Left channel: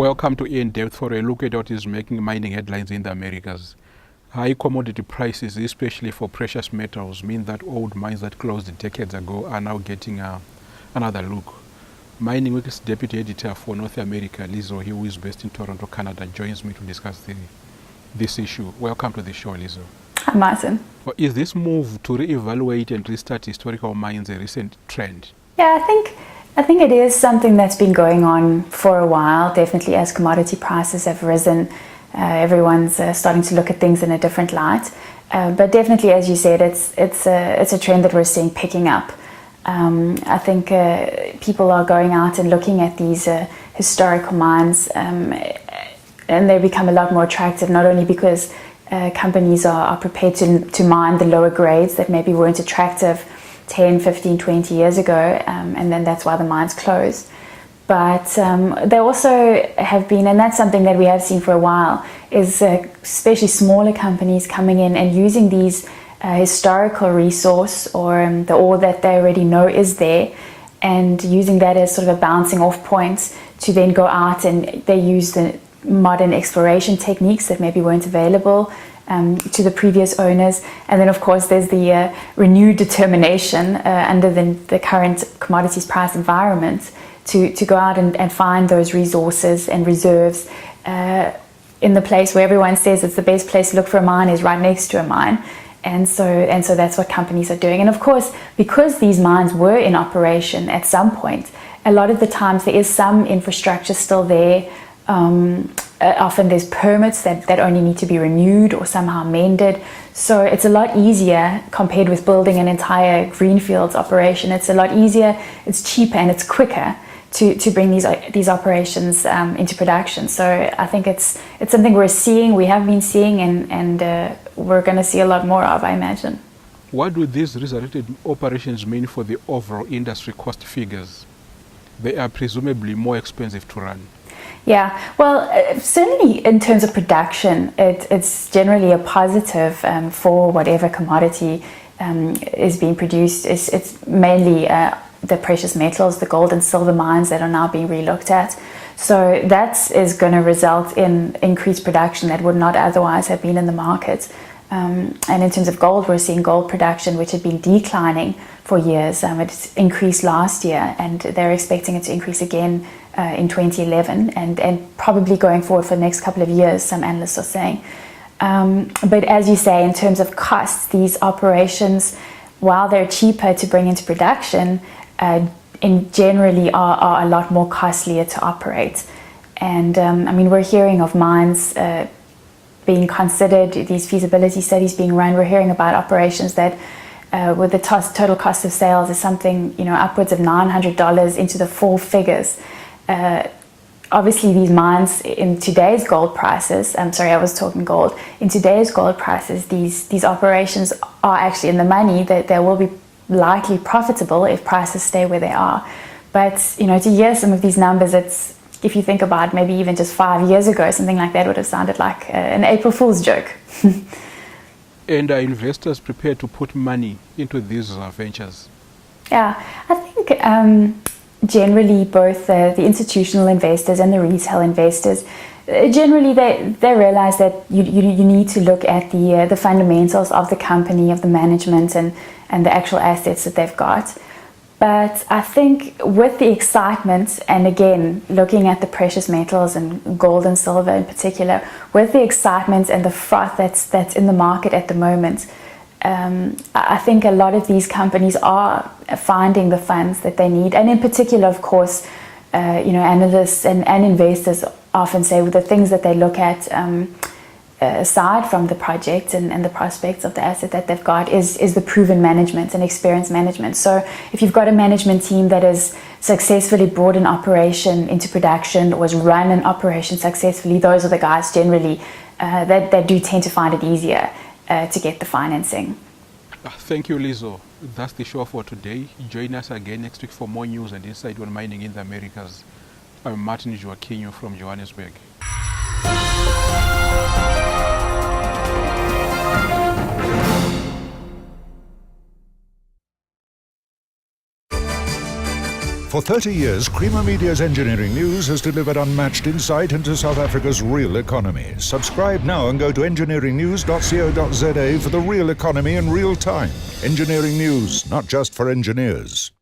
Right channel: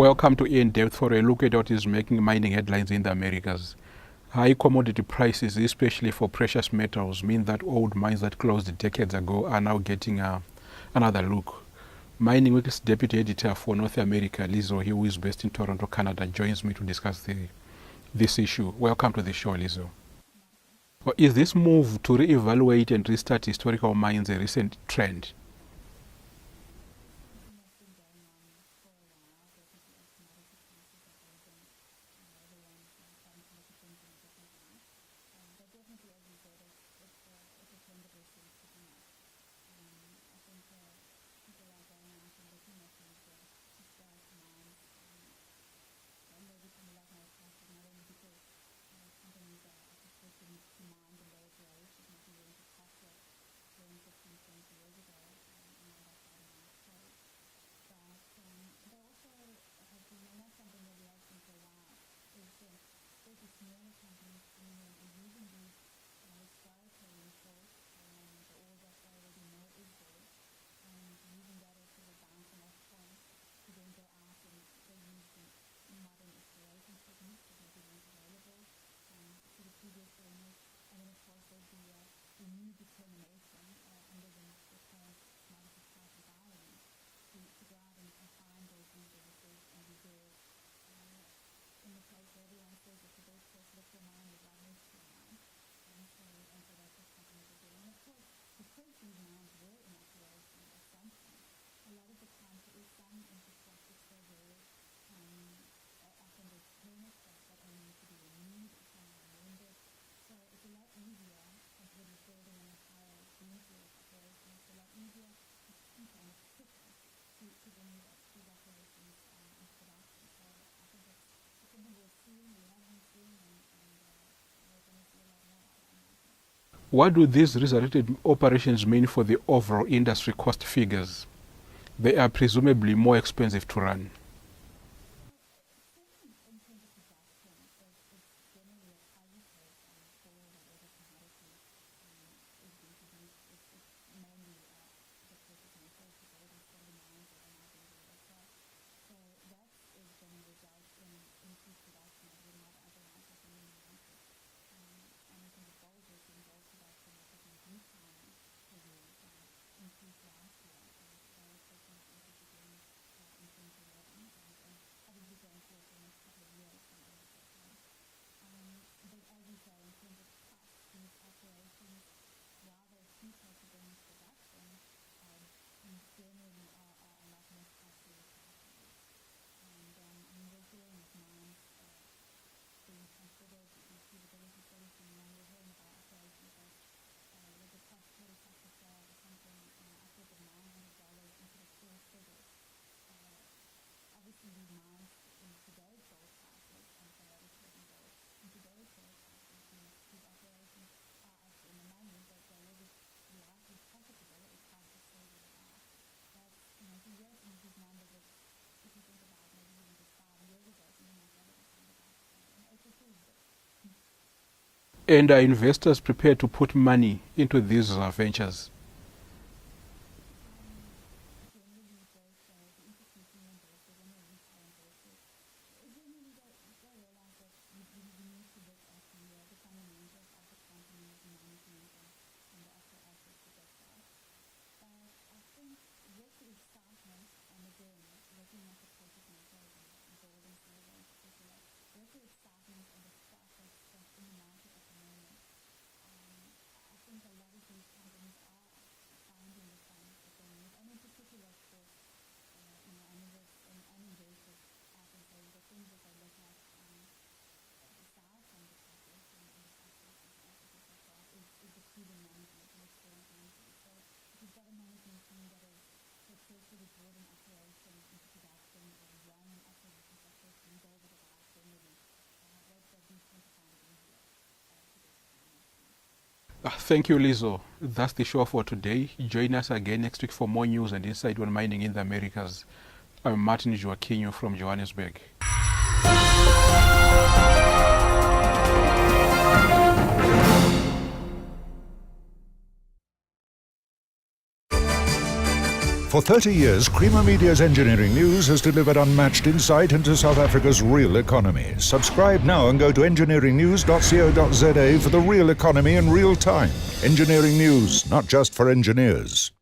Welcome to In Depth for a look at what is making mining headlines in the Americas. High commodity prices, especially for precious metals, mean that old mines that closed decades ago are now getting another look. Mining Week's deputy editor for North America, Lizzo, who is based in Toronto, Canada, joins me to discuss this issue. Welcome to the show, Lizzo. Hi, Martin. Well, is this move to reevaluate and restart historical mines a recent trend? Yeah, I think it is something that's been going on for a while. Definitely, as commodity prices have risen, everyone's starting to look at things in a different light. But definitely, as you said, it's a trend that we're seeing picking up. I think people are going out and looking at these historical mines, and they become a lot more attractive, not only because companies are prepared to mine the lower grades that maybe weren't attractive 10, 15, 20 years ago, and then that's why the mines closed. But they also have been, and that's something that we have seen for a while, is especially smaller companies coming in and using these historical resource or the ore that they already know is there, and using that as sort of a bouncing off point to then go out and they use the modern exploration techniques that maybe weren't available to the previous owners. And then of course there's the renewed determination under the current commodities price environment to go out and find those resources and reserves in the place where everyone says it's the best place to look for a mine is right next to a mine. And so that's what companies are doing. And of course, because these mines were in operation at some point, a lot of the times there is some infrastructure still there. Often there's permits that only need to be renewed or somehow amended. So it's a lot easier compared with building an entire greenfields operation. It's a lot easier, it's cheaper, and it's quicker to bring these operations into production. So I think it's something we have been seeing, and we're going to see a lot more of, I imagine. What do these resurrected operations mean for the overall industry cost figures? They are presumably more expensive to run. Yeah, well, certainly in terms of production, it's generally a positive for whatever commodity is being produced. It's mainly the precious metals, the gold and silver mines that are now being relooked at. So that is going to result in increased production that would not otherwise have been in the market. And in terms of gold, we're seeing gold production, which had been declining for years. It increased last year, and they're expecting it to increase again in 2011 and probably going forward for the next couple of years, some analysts are saying. But as you say, in terms of costs, these operations, while they're cheaper to bring into production, generally are a lot more costlier to operate. And I mean, we're hearing of mines being considered, these feasibility studies being run. We're hearing about operations that with the total cost of sales is something, upwards of $900 into the four figures. Obviously these mines in today's gold prices, I'm sorry, I was talking gold, in today's gold prices, these operations are actually in the money, that they will be likely profitable if prices stay where they are. But, to hear some of these numbers, it's, if you think about maybe even just 5 years ago, something like that would have sounded like an April Fool's joke. And are investors prepared to put money into these ventures? Yeah, I think generally both the institutional investors and the retail investors, generally they realize that you need to look at the fundamentals of the company, of the management, and the actual assets that they've got. But I think with the excitement, and again, looking at the precious metals and gold and silver in particular, with the excitement and the froth that's in the market at the moment, I think a lot of these companies are finding the funds that they need. And in particular, of course, analysts and investors often say the things that they look at aside from the project and the prospects of the asset that they've got is the proven management and experienced management. So if you've got a management team that has successfully brought an operation into production or has run an operation successfully, those are the guys generally that do tend to find it easier to get the financing. Thank you, Lizzo. That's the show for today. Join us again next week for more news and insight on mining in the Americas. I'm Martin Joaquino from Johannesburg. For 30 years, Creamer Media's Engineering News has delivered unmatched insight into South Africa's real economy. Subscribe now and go to engineeringnews.co.za for the real economy in real time. Engineering News, not just for engineers.